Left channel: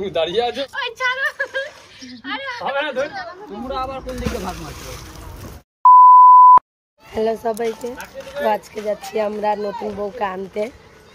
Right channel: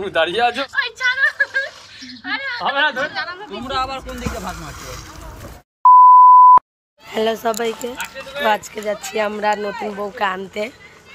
তুমি দাঁড়িয়ে আছো। তোমরা আবার কোন দিকে ভাগ মারছো? হ্যালো সবাইকে, তো আজকে যাচ্ছি আমরা নতুন বউকে আনতে,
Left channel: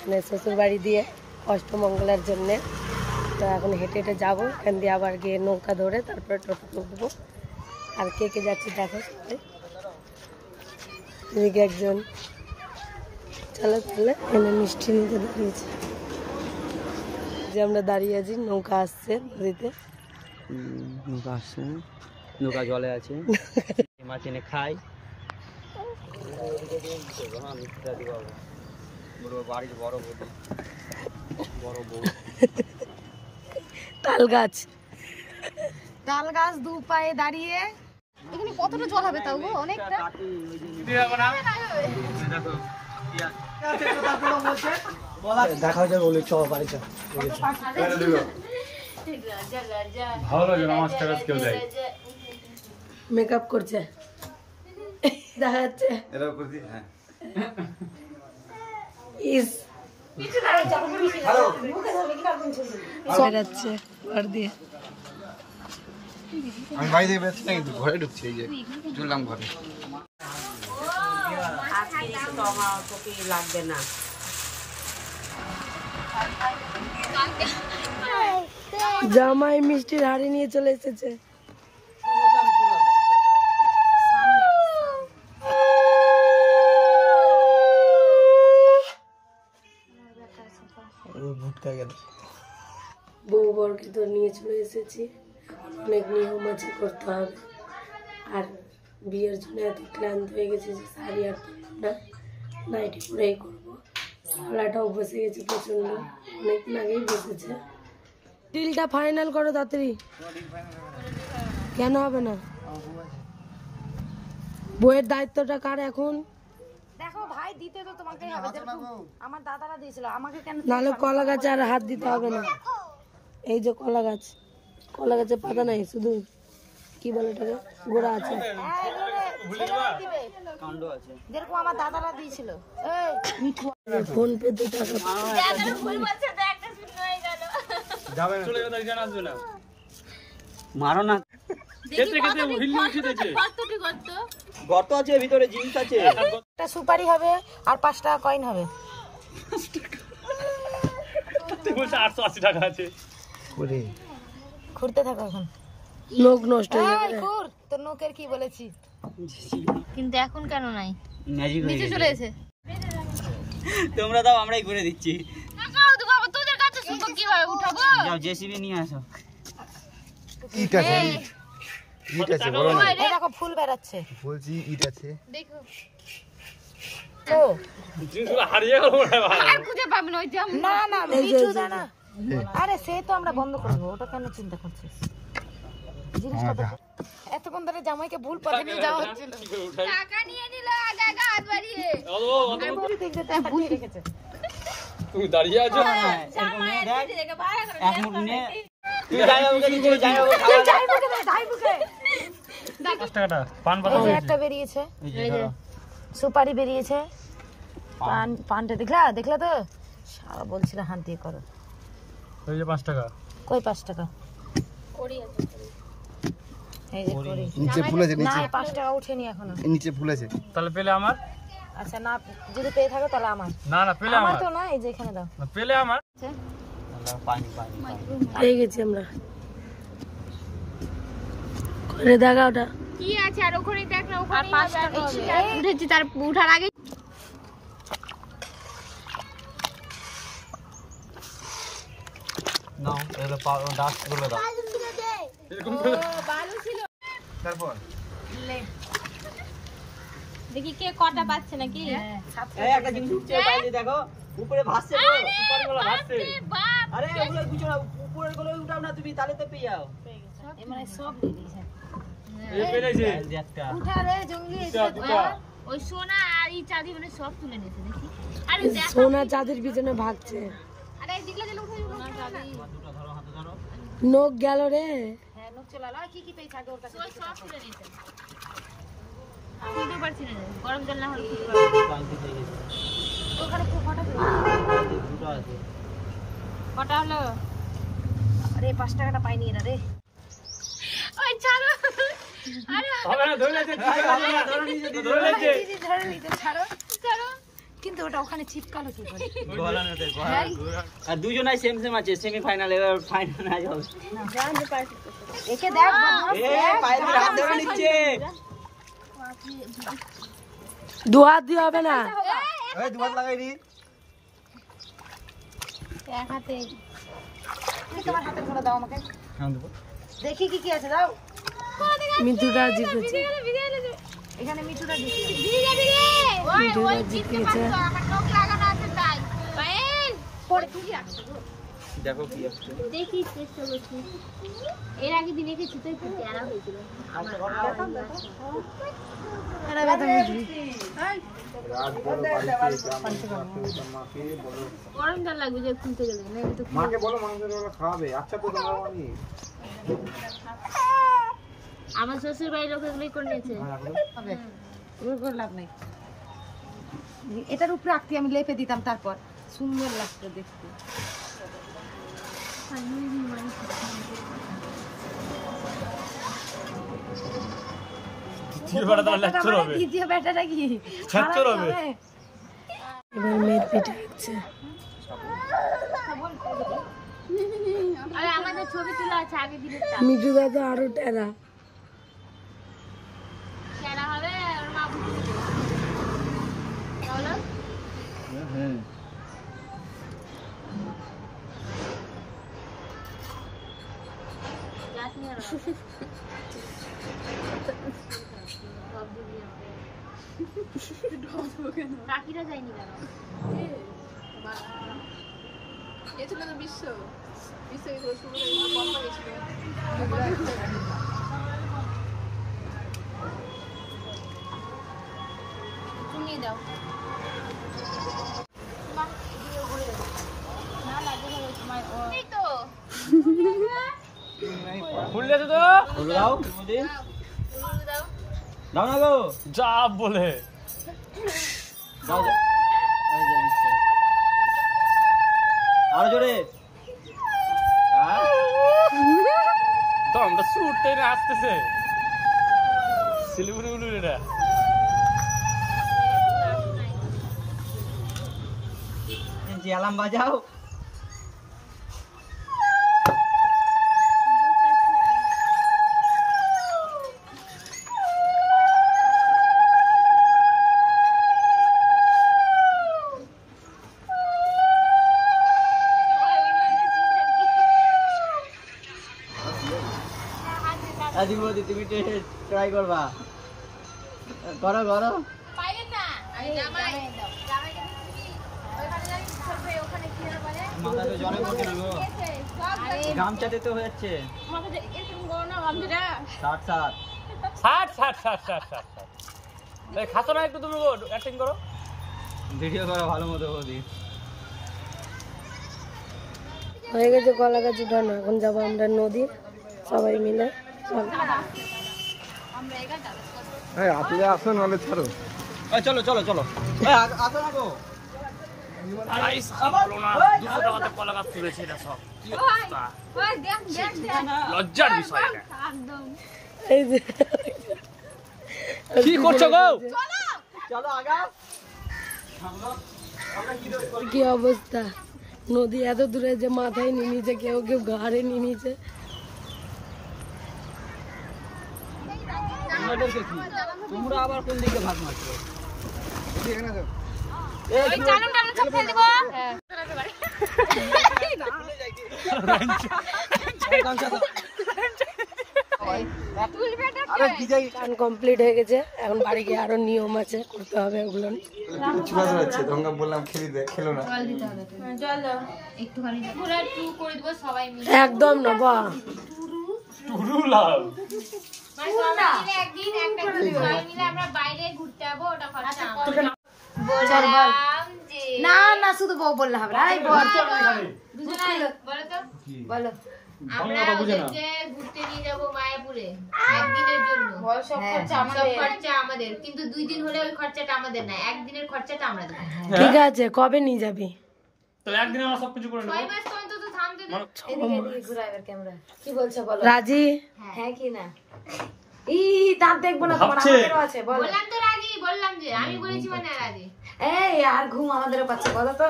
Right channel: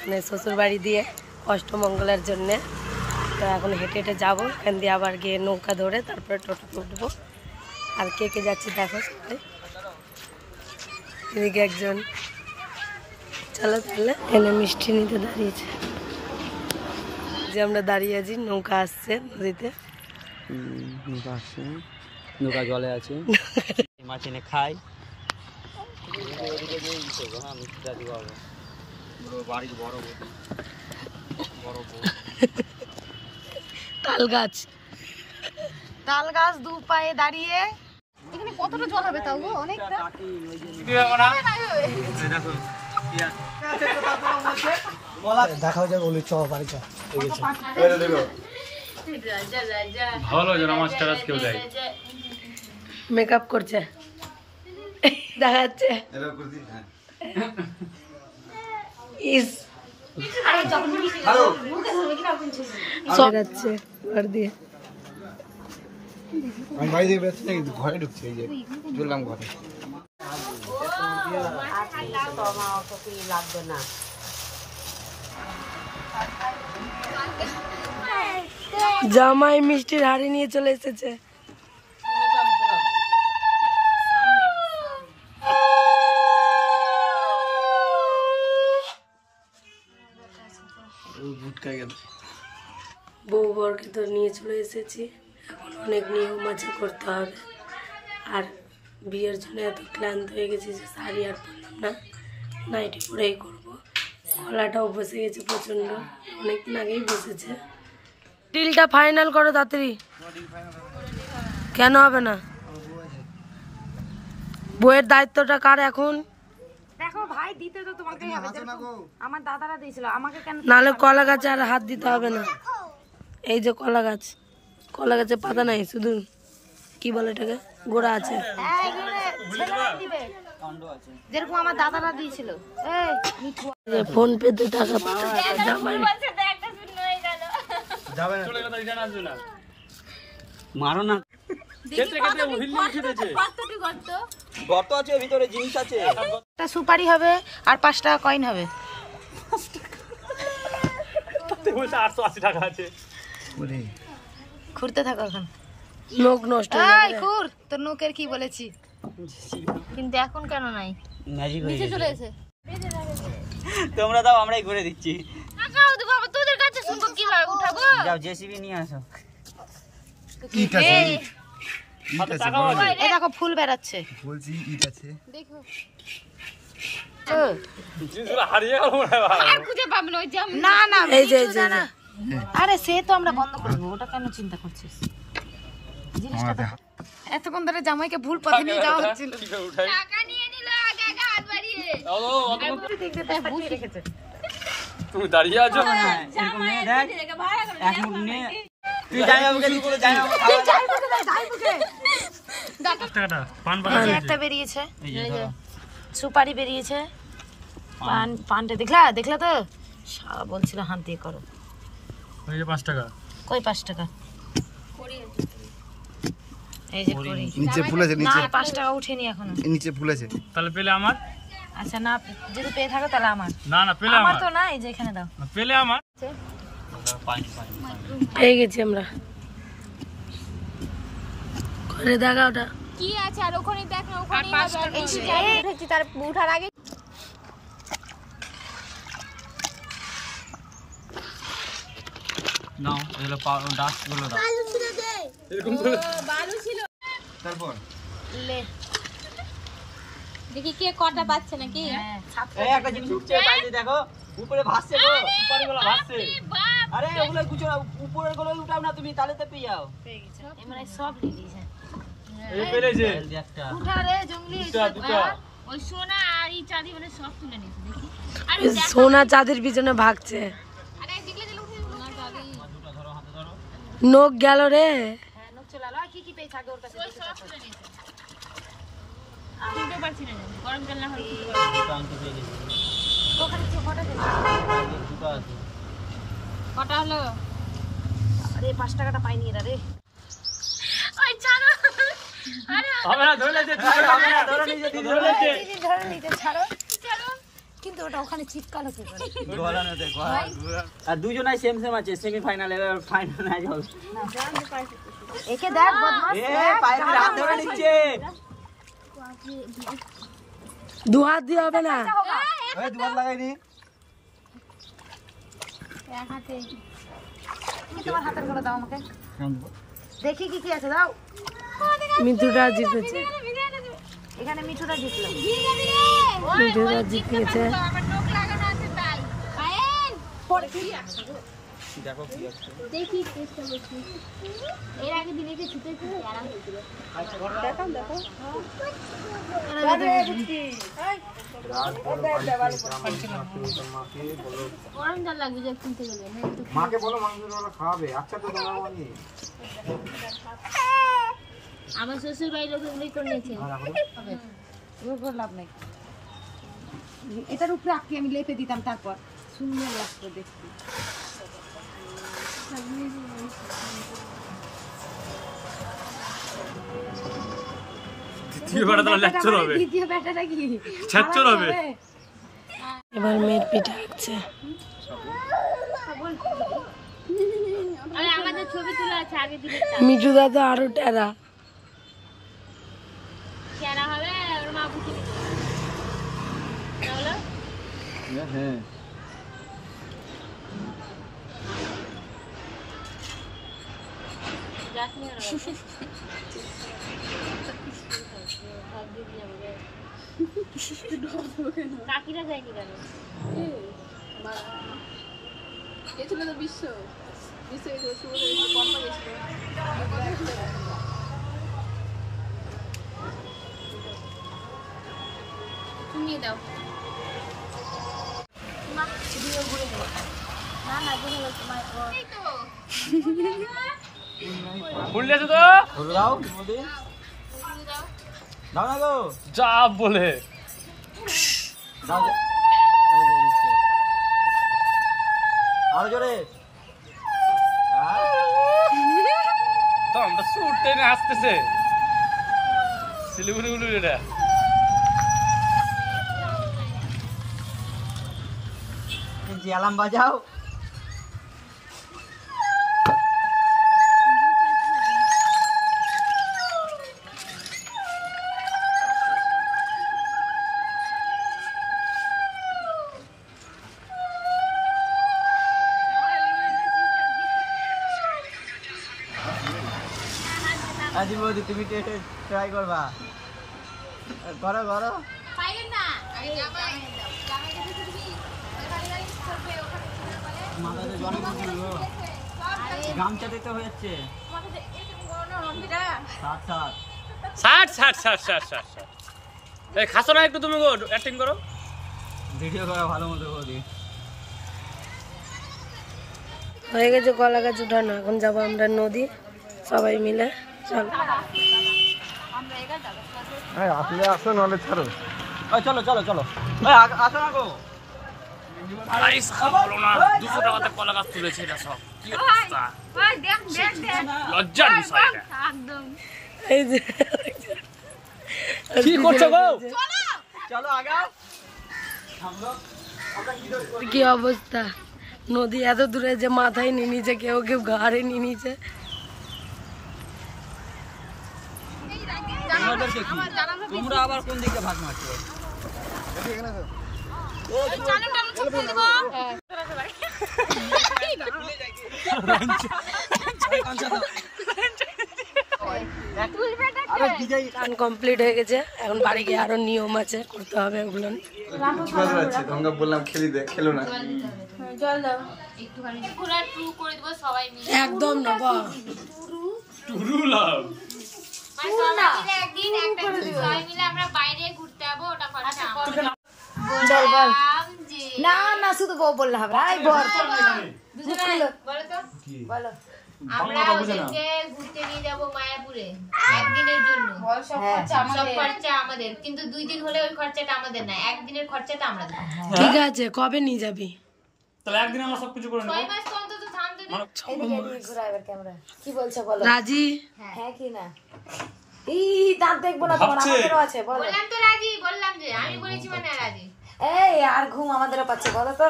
মানে শ্বশুর বাড়ি দিয়ে অষ্টমঙ্গলার জন্যে। তো এখন হেঁটে হেঁটে যাবো, এখান দিয়ে আবার গিয়ে নৌকা ধরে তারপরে টোটোতে উঠবো। আর কে কে যাচ্ছি দেখো সবাই। এদিকে একজন চলো তাহলে এনে মিষ্টি নিতে দাঁড়িয়েছে, যে আমরা দাঁড়িয়ে আছি। নৌকা আসছে নদীতে, নৌকা আসছে, নৌকা জলে আছে, মাছ এনে খাই। তাল গাছ, তাল গাছ দু পায়ে দাঁড়িয়ে। এখানে কতটা জল হবে তাও গো? অনেকটা। দেখা যাবে বলে চ বাড়ি চল। ভালো যেন মাছ টাছ কেউ যায়। মেকআপ করছে দেখা যাচ্ছে। ইস যাচ্ছে ঘর দিয়ে। আমি বাড়ি থেকে বেরোচ্ছি না, কিন্তু ঘরে ঢুকছি। এই যে চললাম ঘরে। লাগবে না, জামাই মিষ্টির হাড়ি নিয়ে চলে এসেছে। বউ বরকে তো নিয়ে চলে এসেছি, এখন অনেক নিয়ম আছে করতে হবে। আর বিয়ের জন্য এত ক্লান্ত হয়ে গেছি যে শাড়ি আর পরলাম না, নাইটি পরেই করবো। গলাটাও বসে গেছে প্রচন্ড, অনেকদিন আগেই বসেছে। ডিলটা ফাইনাল করো তাড়াতাড়ি। কেন হবে না? বইয়ের দায়িত্বটা কার এখন? দেখো ভাই, দিতে তো তোমাকেই হবে। আমার দাদারা দিয়েছিল, আমাকে কেন? নাহলে কলা গাছে আর হাত দিতে হবে না। এই যে কলা গাছ, কলা গাছে পাতা নাই, শুধু কি বলে এটাকে, গোড়া আছে। যেরকম আমার দাদারা দিয়েছিল। ফোন পে তে টাকা জামাই মারো না, গর্ত আছে, ভিতরে জিনিস আছে। একটা সুপারি হবে আর 5 টাকা কয়েন হবে। 880 টাকা আছে। ঘুরতে থাকো এখন। নখ নষ্ট হয়ে যাবে। ঘুর, তোর নখের কি বলেছি, কিন্তু এখন কেন নাই? ম্যাজিক হয়ে নিচে গেছে। চলে এসে তোমরা দাও, আমরাই করে দিচ্ছি। টাকাও দেবো, তোদের কাছে শুনবো কিভাবে উঠাবো? যাও জেসিবি নিয়ে আসো। ইট আছে, ইট আছে বড়। এই দেখো ফুল বেরাচ্ছে, বলছি ইট আছে। দেখো হারিয়ে আর খুঁজে পাবেন ওই জাম। না না, এই যে না। আরে সে তো আমরা বন্ধ করবো, ওটা কেন চিন্তা করছিস? এতক্ষণ ধরে জামাইকে ভুল পথে নিয়ে যাওয়া হচ্ছিল। টাকা নিয়ে নিল আগে আগে হাত বাড়িয়ে। ভুল দেখেছে। তুমি দাঁড়িয়ে আছো। এরকম নিয়ে দেখ, এখন নিয়ে তুই যাই হবে, তুই যাই হবে। 5 টাকাটা পান পাতা একটা বেরিয়েছে, সুপারি বেরিয়েছে, পানটা দেখলা তো? সারা বলছিল হাত দিয়ে করো। ওই যে 5 টাকা। কই 5 টাকা? এই যে করি নিচে ফুল আছে, না, নিচে 5 টাকা উঠেনি এখনো। নিচে ফুল আছে। তাহলে পেলে আমার। আচ্ছা না, যদি পেয়ে থাকো তাহলে আমার। না না, পেলে আমার আমার। তো না, এই যে এখানে দাও। পেলে আমার। পানি পানি পেয়ে গেছি আমরা। করে দেখা ওটা কি আছে আর ওখানে দেখ না, ওখানে 5 টাকা উঠেছি, তার উঠার আগে নাও, এগুলো ডাস্ট গুলো দাও। এরকম তো তারপর লে দেখি কে কটা পাচ্ছে নাকি। এই একটা জিনিস উঠছে, বাইরে দেখো, উপরে ভাসছে গো, সুপারি গুলো ভাসছে। আরে ওগুলো গুছো না, উপরের গুলো উঠাও না তুমি, তাহলে তো পেয়ে যাও। এই মানে সব লিলিছে। এই পেলেছে একটা। উঠা রে জঙ্গলি, ওই সোনা আর এই চাঁদি মানে সব তুলে নিয়েছে দেখি। আরে সোনা চাঁদের পিছনে ভাগছে। আরে দিগলা দিলে উঠে সোনা চাঁদি। দুটো ধরো, হাতে ধরো। নখ গেল রে। হ্যাঁ নখ চলে আলো। কি কি পেয়েছে আগে ওর কাছে? ওই সব তুলে নিয়েছে। খুলতে পারছি না, গরম জল না হলে খুলতে পারবো না। টানতে পেয়ে গেছি। ওখানে কটা আছে? দুটো আছে। কটা হলো? আরে 5 টাকাটা পাইনি এরা রে। ওই ছাড়ো। আরে হবে না, ধরে নিতে ধরে নিতে ছাড়ো ছাড়ো। কিন্তু ওটা ওখানে চিপকালো তো। আর দুজনাই সেম সেম আছে, সেমিফাইনাল এবার ফাইনাল ম্যাচ হবে। একে দেখ বদমাস। পায়ে হাত ধরে নিচ্ছে। দু হাত দিয়ে হবে না। এই দুবার লাগাইনি। এক হাতে। তুমি তোমার হাতের করে দাও আমাকে। হ্যাঁ দেব। দেখি কি কি আছে দাও। মিঠুটা জিতেছে। এখানে মিঠুটা জিতলো। মিঠুটা জিতেছে। আমার নখ লাগানো আছে তাই। পায়েন। দেখো কি আছে। দেখি চেষ্টা করছি। এর আগে দিনে কি ছুটে ছুটে আরাম হয়েছিল। গরম জল লাগবে যে খুলতে গেলে না কিন্তু মাকে বলো মাংসের ওরা খাবে। আচ্ছা তো তোমরা বলি। আমার শ্বশুর বাড়ির লোক এগুলোই করে নিয়েছে। হবে। ওর করে লাভ নাই। এটার উপরে আকটি আমি লেপে দিতাম, তারপর সুন্দর লাগতো দেখতে। দ্বিতীয় ব্যাটাটা কি হবে? এবার মেয়ের পিঠে আঁকছে। আরে আমাদের ছবি তোলা আছে আগে দিলে মিঠু দাদা আরো টেরা। চেহারা হবে ওর মা বুঝে দিবে তাহলে হ্যাঁ গাছ নিয়ে সব দিবি আমাকে কাকিরা যায়নি কেন খুললে তো খুলে দাও মোদি দাও না গো যা বলে দাও এই যে দিচ্ছে আর জোরে তো আমরা সুট টেনে আসতেছে সিলিগুড়ি গুলো এটা এই অ্যালার্ম বাজাও আজি মোদি তুমি ট্রাই করবা করো করো পাইলেন না আমি জামাই জামাইকে দিবি ওখানে যাই করবে ওখানে কি যেন বলে মাথাতে জলে পড়ছে না গো গামছাতে তো হয়ে যাচ্ছে মাথাতে এরকম গরম না গাম্ভীরা 60 এই খাসো না একটু তুমি গো অ্যাক্টিং করো ভিডিও করো ভালো মতো মোদি হয়ে গেছে কলা গাছ উঠানো। এখন যাবো আমরা নদী সবাই মিলে। চলো আসলে আসো নাহলে ছাড়ো। চলো চলো চলো আসো না গো গাইস বলো না 200 টাকাতে কলা গাছ তুলেছে এটা সব কি অবস্থা ওই দেখ দেখ দেখ লজ্জার বিষয় এটা একদম এই যে কি করছো গো চলো আগাও কি অবস্থা, নদী এত দূরে যে মাথায় নিয়ে নিচে, কেউ কেউ ঘাড়ে নিয়ে নিচে। তোমাদেরকে কি তোমরা আবার কোন দিকে ভাগ মারছো ওই চালন টালন সব ফেলে দেব গান কমপ্লিট হয়ে গেছে, এখন বাড়ি গিয়ে আরো নিয়ম আছে করতে হবে ওগুলো। তোমাকে বললাম খেলো না। জল দাও একটুখানি পুরো টু করে দেব সবাই মিলে একদম না বা মানে সবাই একদিন একটা সবাই মিলে আমরা বাইরে ঘুরতে যাবো, ওটা খরচা বললাম যে না না শুধু বউ বললে হবে না, বুঝো না বলো তো বলো আমরা ওদেরকে ঘুরতে নিয়ে যাবো মায়াপুরে একদিনের জন্য, সব খরচা আমাদের, কিন্তু 2 দিন হলে ওই খরচাটা আমাদের না, একদিনের খরচাটা আমরা দেব। ঠিক আছে, কবে নিয়ে যাবি? তাহলে একদিন আমরা সবকিছু করে 6 মাস তো অন্তত শান্তি দে। কি বলছো বলো? রাজি হ্যাঁ কি না? ই দাঁত দেখবো না তোমার আমাদেরও আছে বলো। বললাম তো রাজি, বললাম যে আমি বলেছি মানে রাজি। এই আর ঘুম আমাদেরও পাচ্ছে বলো তো।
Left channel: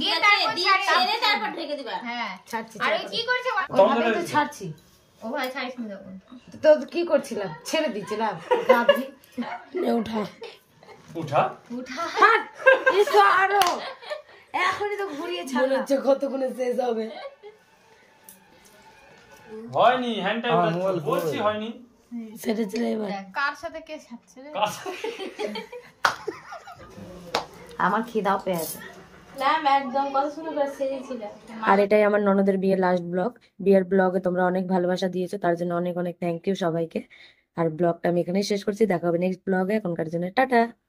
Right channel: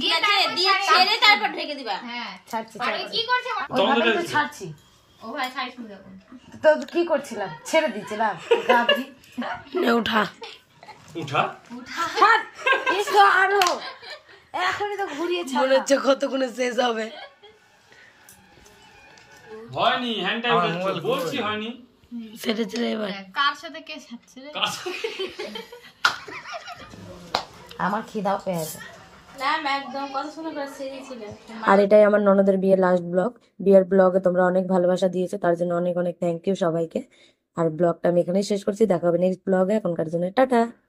দিয়ে তারপর ছেড়ে তারপর ঢেকে দিবা। হ্যাঁ ছাড়ছি আর ওই কি করছে? ওইভাবে তো ছাড়ছি। ও ভাই ছাড়িস না তখন। তো কি করছিলাম? ছেড়ে দিচ্ছিলাম গাধি। নে উঠা উঠা ছাড় এসো আরো এখনই তো ঘুরিয়ে ছাড়। মনে হচ্ছে কতক্ষণে শেষ হবে। হয়নি, হ্যান্ডটাই উঠাচ্ছ, বলছি হয়নি। ছেড়ে ছেড়ে এবার কার সাথে কে ছাড়ছে রে? কার সাথে? আমার খিদাও পেয়েছে। ম্যাম একদম কত সুন্দর করে সেজেছিল। আর এটাই আমার ননদের বিয়ের লাস্ট ব্লগ। বিয়ের ব্লগে তোমরা অনেক ভালোবাসা দিয়েছো, তার জন্য অনেক অনেক থ্যাংক ইউ সবাইকে। আর ব্লগটা আমি এখানেই শেষ করছি, দেখা হবে নেক্সট ব্লগে। এখনকার জন্য টাটা।